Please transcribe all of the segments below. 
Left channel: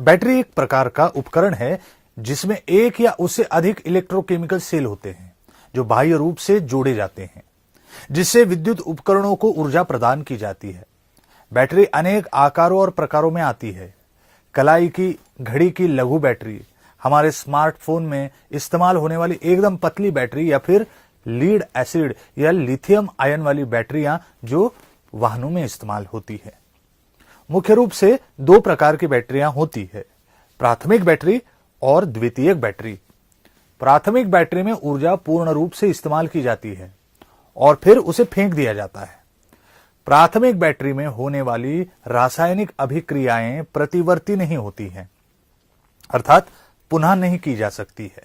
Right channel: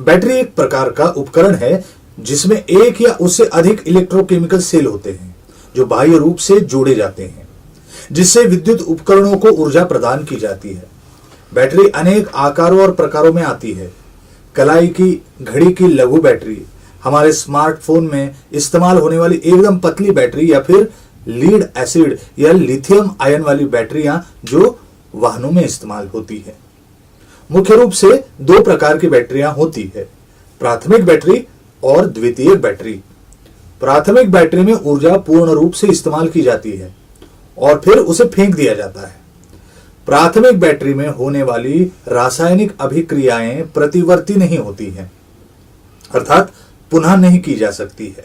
Battery एक प्रकार का उपकरण है जिसमें एक या उससे अधिक इलेक्ट्रोकेमिकल सेल होते हैं जो बाह्य रूप से जोड़े जाते हैं, जिससे विद्युत उपकरणों को ऊर्जा प्रदान की जाती है। बैटरी अनेक आकारों और प्रकारों में आती है। कलाई की घड़ी की लघु बैटरी, हमारे स्मार्टफोन में इस्तेमाल होने वाली एकदम पतली बैटरी, या फिर लीड एसिड या लिथियम आयन वाली बैटरियां जो वाहनों में इस्तेमाल होती है। मुख्य रूप से दो प्रकार की बैटरियां होती है, प्राथमिक बैटरी और द्वितीयक बैटरी। प्राथमिक बैटरी में ऊर्जा पूर्ण रूप से इस्तेमाल की जाती है और फिर उसे फेंक दिया जाता है। प्राथमिक बैटरी में होने वाली रासायनिक अभिक्रियाएं प्रतिवर्ती नहीं होती हैं, अर्थात पुनः नहीं की जा सकती है।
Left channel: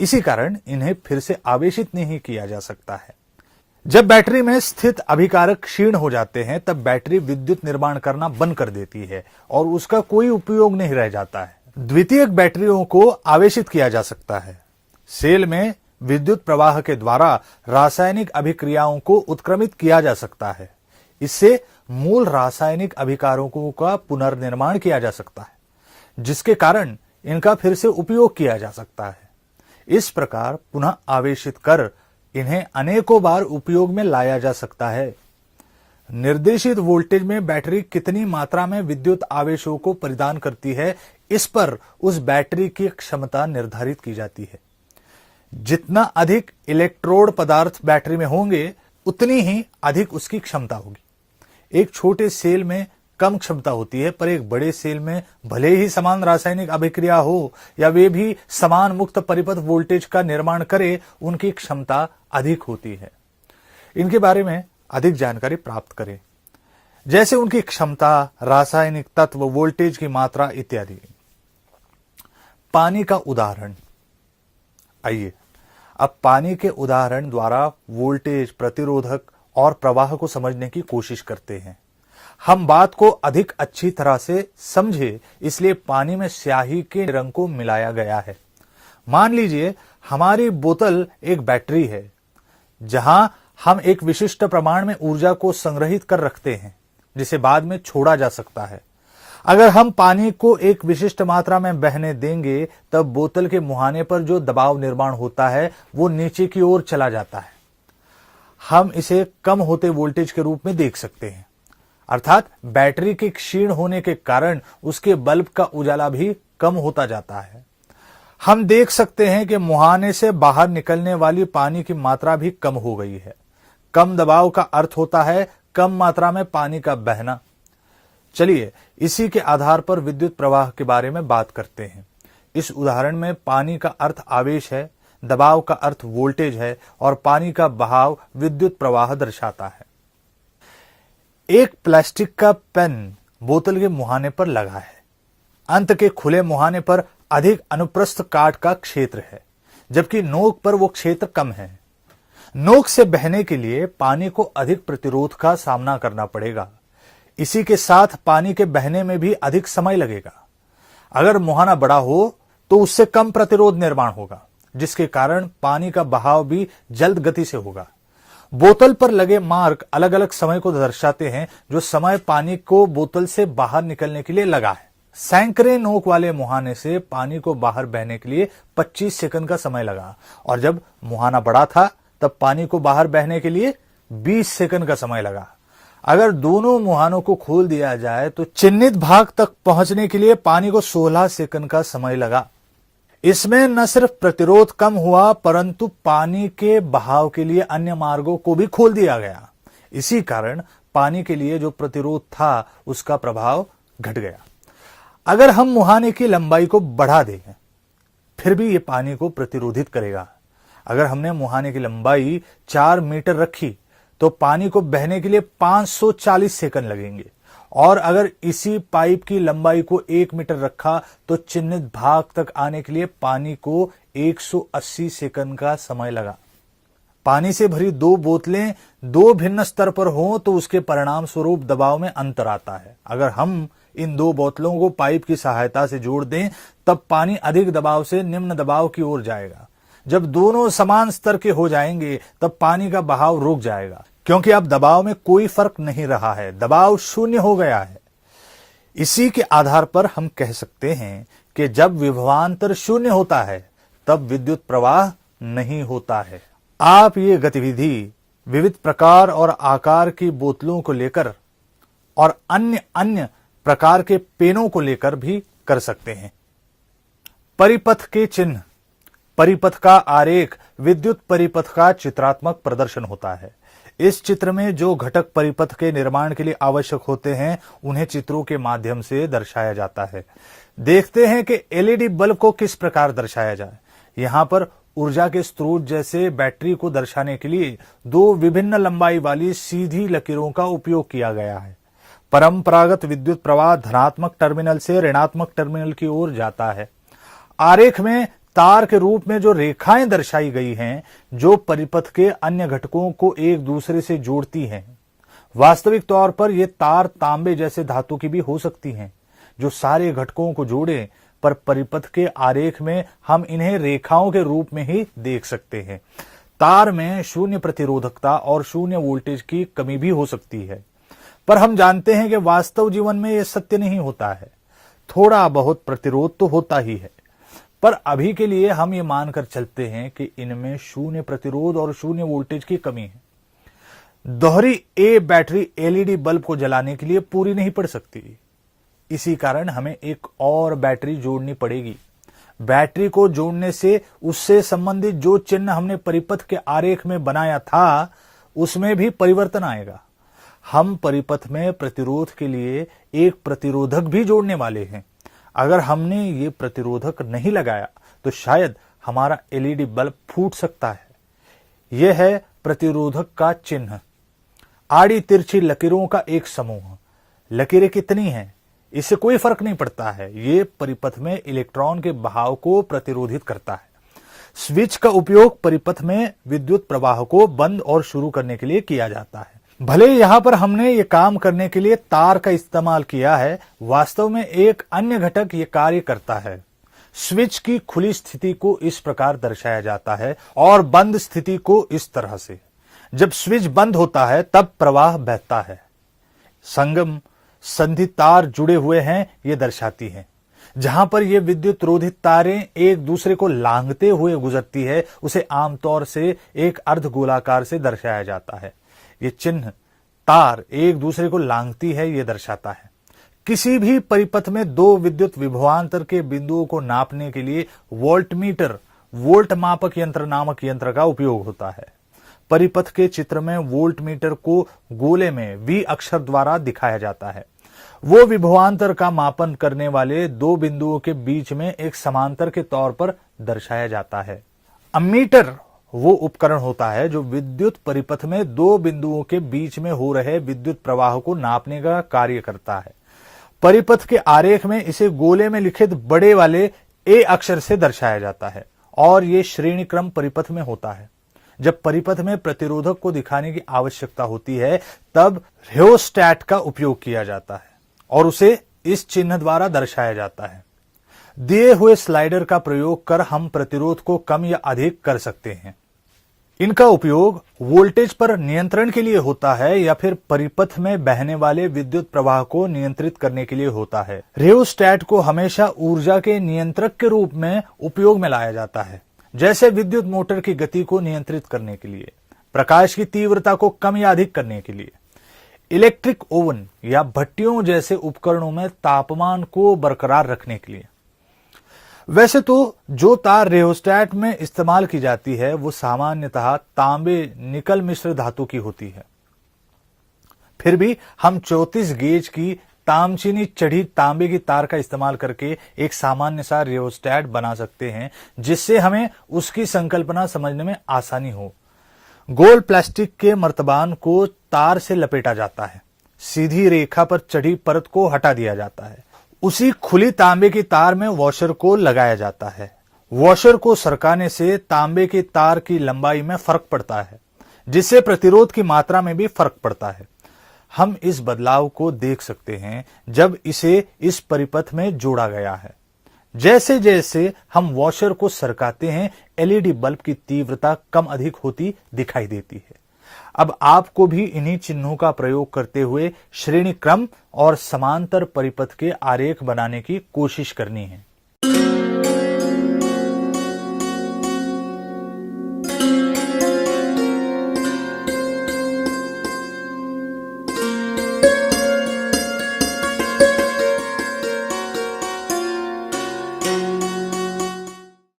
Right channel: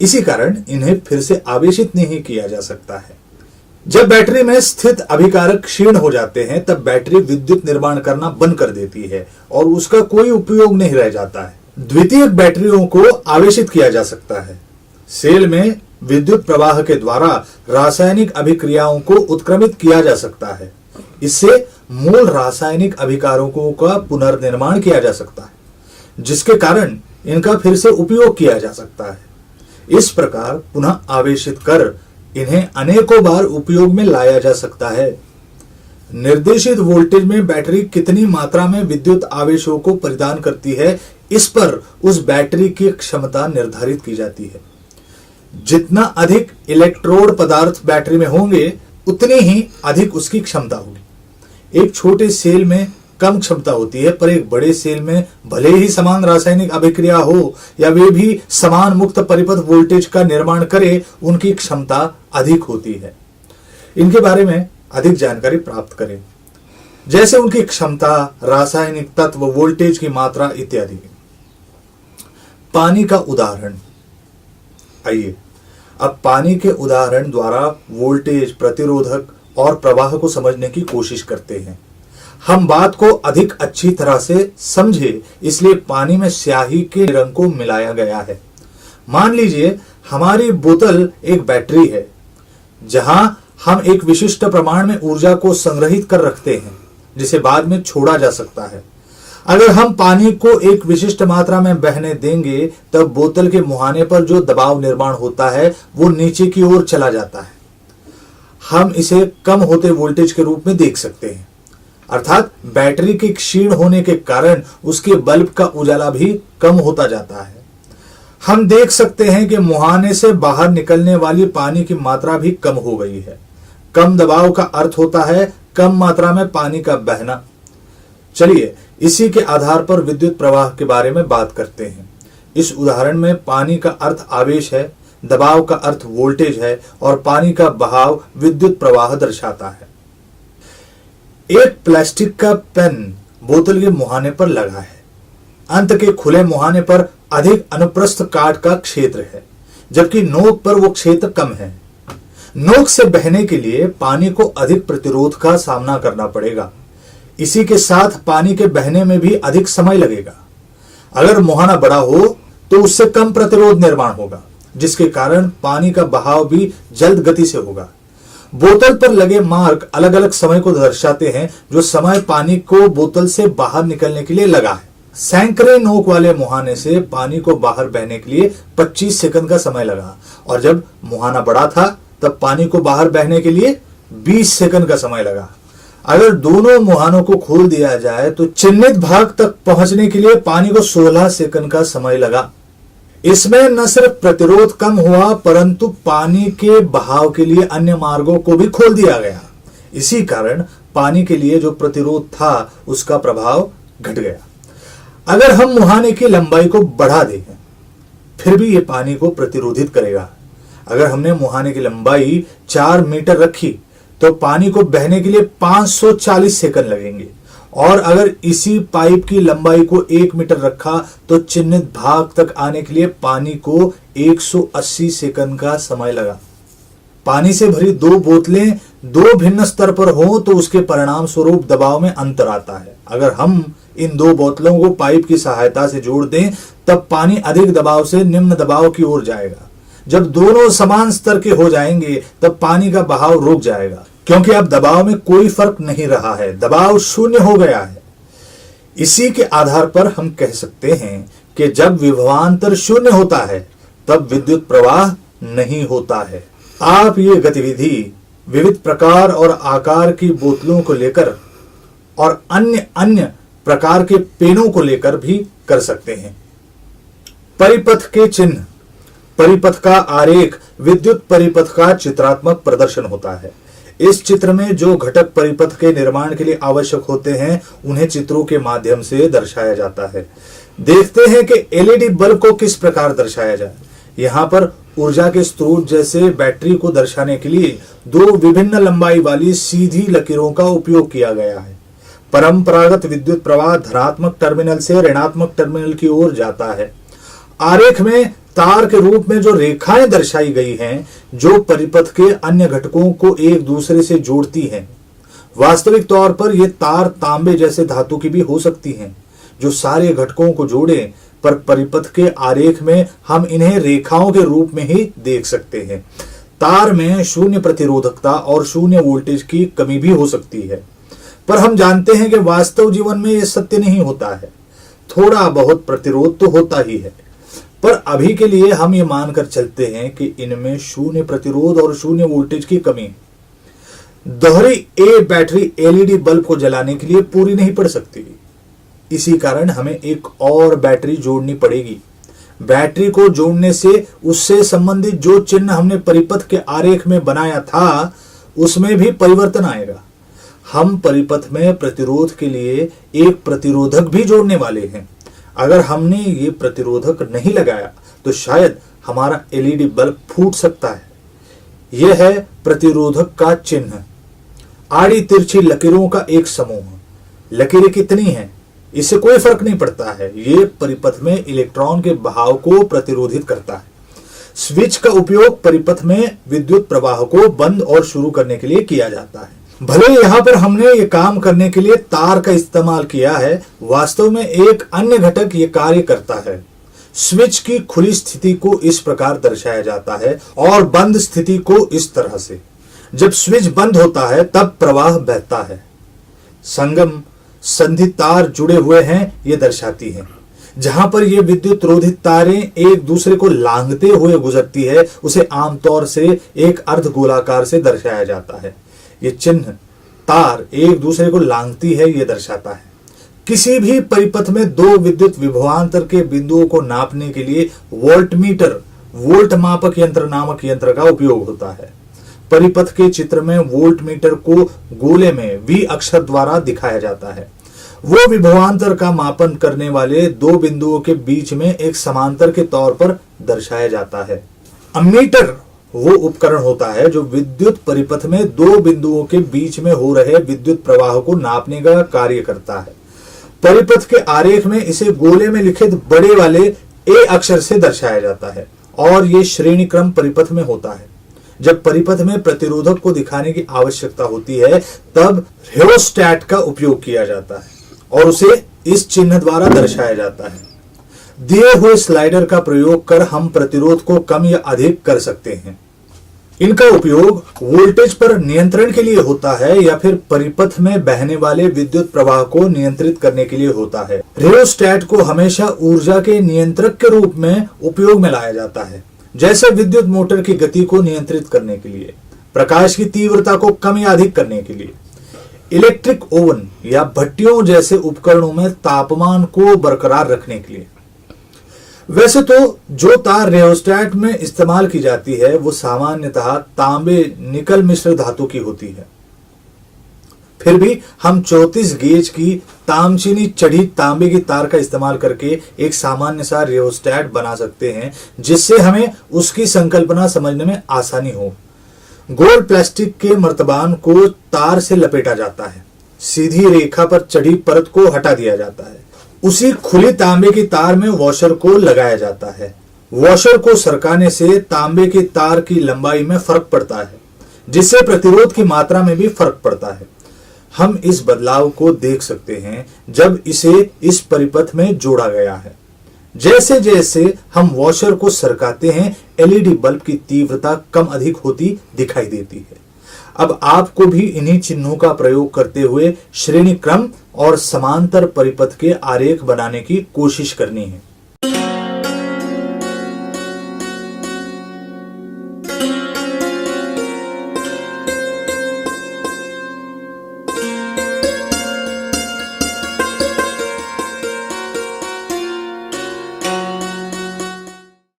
इसी कारण इन्हें फिर से आवेशित नहीं किया जा सकता है। जब बैटरी में स्थित अभिकारक क्षीण हो जाते हैं तब बैटरी विद्युत निर्माण करना बंद कर देती है और उसका कोई उपयोग नहीं रह जाता है। द्वितीयक बैटरियों को आवेशित किया जा सकता है। सेल में विद्युत प्रवाह के द्वारा रासायनिक अभिक्रियाओं को उत्क्रमित किया जा सकता है। इससे मूल रासायनिक अभिकारकों का पुनर्निर्माण किया जा सकता है, जिसके कारण इनका फिर से उपयोग किया जा सकता है। इस प्रकार पुनः आवेशित कर इन्हें अनेकों बार उपयोग में लाया जा सकता है। निर्देशित वोल्टेज में बैटरी कितनी मात्रा में विद्युत आवेशों को प्रदान करती है, इस पर उस बैटरी की क्षमता निर्धारित की जाती है। जितना अधिक इलेक्ट्रोड पदार्थ बैटरी में होंगे उतनी ही अधिक उसकी क्षमता होगी। एक छोटे सेल में कम क्षमता होती है, पर एक बड़े सेल में भले ही समान रासायनिक अभिक्रिया हो या वे भी समान मुक्त परिपथ वोल्टेज का निर्माण करे, उनकी क्षमता अधिक होती है। इनके बारे में अधिक जानकारी प्राप्त करें, जैसे उनकी क्षमता, रासायनिक तत्व, वोल्टेज की मात्रा इत्यादि। पानी का उदाहरण। आइए अब पानी के उदाहरण द्वारा वोल्टेज, प्रतिरोधक और प्रवाह को समझने की कोशिश करते हैं। हम बात को अधिक अच्छी तरह से समझे, इसलिए पानी में स्याही के रंग को मिलाया गया है। मान लीजिए हमारी बोतल एक बैटरी है जहां हम एक विशिष्ट प्रमाण में ऊर्जा को संग्रहित कर रखते हैं जिसे बाद में छोड़ा जा सकता है। अगर हम पानी को एक विशिष्ट मात्रा में बहने देंगे तब बोतल के मुहाने पर जो दबाव निर्माण होता है वो नीचे की ओर चला जाता है। हम इसे कम होते वोल्टेज के रूप में देख सकते हैं, अर्थात बैटरी के क्षीण होने के कारण उसके बल्ब का उजाला भी कम होता जाता है। हम देख सकते हैं कि मुहाने से बाहर निकलने वाली पानी की मात्रा भी कम हो गई है। कम दबाव का अर्थ होता है कम मात्रा में पानी का बहना। चलिए इसी के आधार पर विद्युत प्रवाह के बारे में बात करते हैं। इस उदाहरण में पानी का अर्थ आवेश है, दबाव का अर्थ वोल्टेज है और पानी का बहाव विद्युत प्रवाह दर्शाता है। एक प्लास्टिक का पेन बोतल के मुहाने पर लगा है। अंत के खुले मुहाने पर अधिक अनुप्रस्थ काट का क्षेत्र है, जबकि नोक पर वो क्षेत्र कम है। नोक से बहने के लिए पानी को अधिक प्रतिरोध का सामना करना पड़ेगा। इसी के साथ पानी के बहने में भी अधिक समय लगेगा। अगर मुहाना बड़ा हो तो उससे कम प्रतिरोध निर्माण होगा, जिसके कारण पानी का बहाव भी जल्द गति से होगा। बोतल पर लगे मार्क अलग अलग समय को दर्शाते हैं, जो समय पानी को बोतल से बाहर निकलने के लिए लगा है। सैकड़े नोक वाले मुहाने से पानी को बाहर बहने के लिए 25 सेकंड का समय लगा, और जब मुहाना बड़ा था तब पानी को बाहर बहने के लिए 20 सेकंड का समय लगा। अगर दोनों मुहानों को खोल दिया जाए तो चिन्हित भाग तक पहुंचने के लिए पानी को 16 सेकंड का समय लगा। इसमें न सिर्फ प्रतिरोध कम हुआ, परंतु पानी के बहाव के लिए अन्य मार्गों को भी खोल दिया गया। इसी कारण पानी के लिए जो प्रतिरोध था उसका प्रभाव घट गया। अगर हम मुहाने की लंबाई को बढ़ा दें फिर भी ये पानी को प्रतिरोधित करेगा। अगर हमने मुहाने की लंबाई 4 मीटर रखी तो पानी को बहने के लिए 540 सेकंड लगेंगे, और अगर इसी पाइप की लंबाई को 1 मीटर रखा तो चिन्हित भाग तक आने के लिए पानी को 180 सेकंड का समय लगा। पानी से भरी 2 बोतलें 2 भिन्न स्तर पर हो तो उसके परिणाम स्वरूप दबाव में अंतर आता है। अगर हम इन 2 बोतलों को पाइप की सहायता से जोड़ दें तब पानी अधिक दबाव से निम्न दबाव की ओर जाएगा। जब दोनों समान स्तर के हो जाएंगे तब पानी का बहाव रुक जाएगा, क्योंकि अब दबाव में कोई फर्क नहीं रहा है, दबाव शून्य हो गया है। इसी के आधार पर हम कह सकते हैं कि जब विभवांतर शून्य होता है तब विद्युत प्रवाह नहीं होता है। आप ये गतिविधि विविध प्रकार और आकार की बोतलों को लेकर और अन्य अन्य प्रकार के पेनों को लेकर भी कर सकते हैं। परिपथ के चिन्ह। परिपथ का आरेख विद्युत परिपथ का चित्रात्मक प्रदर्शन होता है। इस चित्र में जो घटक परिपथ के निर्माण के लिए आवश्यक होते हैं उन्हें चित्रों के माध्यम से दर्शाया जाता है। देखते हैं कि एलईडी बल्ब को किस प्रकार दर्शाया जाए। यहाँ पर ऊर्जा के स्रोत जैसे बैटरी को दर्शाने के लिए दो विभिन्न लंबाई वाली सीधी लकीरों का उपयोग किया गया है। परंपरागत विद्युत प्रवाह धनात्मक टर्मिनल से ऋणात्मक टर्मिनल की ओर जाता है। आरेख में तार के रूप में जो रेखाएं दर्शाई गई हैं, जो परिपथ के अन्य घटकों को एक दूसरे से जोड़ती हैं। वास्तविक तौर पर यह तार तांबे जैसे धातु की भी हो सकती हैं, जो सारे घटकों को जोड़े, पर परिपथ के आरेख में हम इन्हें रेखाओं के रूप में ही देख सकते हैं। तार में शून्य प्रतिरोधकता और शून्य वोल्टेज की कमी भी हो सकती है, पर हम जानते हैं कि वास्तव जीवन में यह सत्य नहीं होता है। थोड़ा बहुत प्रतिरोध तो होता ही है, पर अभी के लिए हम ये मानकर चलते हैं कि इनमें शून्य प्रतिरोध और शून्य वोल्टेज की कमी है। दोहरी ए बैटरी एलईडी बल्ब को जलाने के लिए पूरी नहीं पड़ सकती। इसी कारण हमें एक और बैटरी जोड़नी पड़ेगी। बैटरी को जोड़ने से उससे संबंधित जो चिन्ह हमने परिपथ के आरेख में बनाया था उसमें भी परिवर्तन आएगा। हम परिपथ में प्रतिरोध के लिए एक प्रतिरोधक भी जोड़ने वाले हैं। अगर हमने ये प्रतिरोधक नहीं लगाया तो शायद हमारा एलईडी बल्ब फूट सकता है। यह है प्रतिरोधक का चिन्ह। आड़ी तिरछी लकीरों का एक समूह। लकीरें कितनी हैं इससे कोई फर्क नहीं पड़ता है। ये परिपथ में इलेक्ट्रॉन के बहाव को प्रतिरोधित करता है। स्विच का उपयोग परिपथ में विद्युत प्रवाह को बंद और शुरू करने के लिए किया जाता है। भले यहां पर हमने ये काम करने के लिए तार का इस्तेमाल किया है, वास्तव में एक अन्य घटक ये कार्य करता है। स्विच की खुली स्थिति को इस प्रकार दर्शाया जाता है और बंद स्थिति को इस तरह से। जब स्विच बंद होता है तब प्रवाह बहता है। संगम संधि तार जुड़े हुए हैं ये दर्शाती है। जहां पर ये विद्युत रोधित तारें एक दूसरे को लांघते हुए गुजरती है उसे आमतौर से एक अर्ध गोलाकार से दर्शाया जाता है। ये चिन्ह तार एक दूसरे को लांघती है ये दर्शाता है। किसी भी परिपथ में दो विद्युत विभवांतर के बिंदुओं को नापने के लिए वोल्टमीटर, वोल्ट मापक यंत्र नामक यंत्र का उपयोग होता है। परिपथ के चित्र में वोल्टमीटर को गोले में वी अक्षर द्वारा दिखाया जाता है। वो विभवांतर का मापन करने वाले दो बिंदुओं के बीच में एक समांतर के तौर पर दर्शाया जाता है। अमीटर वो उपकरण होता है जो विद्युत परिपथ में दो बिंदुओं के बीच में हो रहे विद्युत प्रवाह को नापने का कार्य करता है। परिपथ के आरेख में इसे गोले में लिखित बड़े वाले ए अक्षर से दर्शाया जाता है और ये श्रेणी क्रम परिपथ में होता है। जब परिपथ में प्रतिरोधक को दिखाने की आवश्यकता होती है तब रियोस्टैट का उपयोग किया जाता है और उसे इस चिन्ह द्वारा दर्शाया जाता है। दिए हुए स्लाइडर का प्रयोग कर हम प्रतिरोध को कम या अधिक कर सकते हैं। इनका उपयोग वोल्टेज पर नियंत्रण के लिए होता है या फिर परिपथ में बहने वाले विद्युत प्रवाह को नियंत्रित करने के लिए होता है। रियोस्टैट को हमेशा ऊर्जा के नियंत्रक के रूप में उपयोग में लाया जाता है, जैसे विद्युत मोटर की गति को नियंत्रित करने के लिए, प्रकाश की तीव्रता को कम या अधिक करने के लिए, इलेक्ट्रिक ओवन या भट्टियों जैसे उपकरणों में तापमान को बरकरार रखने के लिए। वैसे तो जो तार रियोस्टैट में इस्तेमाल की जाती है वो सामान्यतः तांबे निकल मिश्र धातु की होती है। फिर भी हम 34 गेज की तामचीनी चढ़ी तांबे की तार का इस्तेमाल करके एक सामान्य सा रियोस्टैट बना सकते हैं जिससे हमें उसकी संकल्पना समझने में आसानी हो। गोल प्लास्टिक के मर्तबान को तार से लपेटा जाता है, सीधी रेखा पर चढ़ी परत को हटा दिया जाता है, उसी खुली तांबे की तार में वॉशर को लगाया जाता है। वॉशर को सरकाने से तांबे की तार की लंबाई में फर्क पड़ता है, जिससे प्रतिरोध की मात्रा में भी फर्क पड़ता है। हम इस बदलाव को देख सकते हैं जब इसे इस परिपथ में जोड़ा गया है। जैसे जैसे हम वॉशर को सरकाते हैं एलईडी बल्ब की तीव्रता कम अधिक होती दिखाई देती है। अब आपको भी इन्हीं चिन्हों का प्रयोग करते हुए श्रेणी क्रम और समांतर परिपथ के आरेख बनाने की कोशिश करनी है।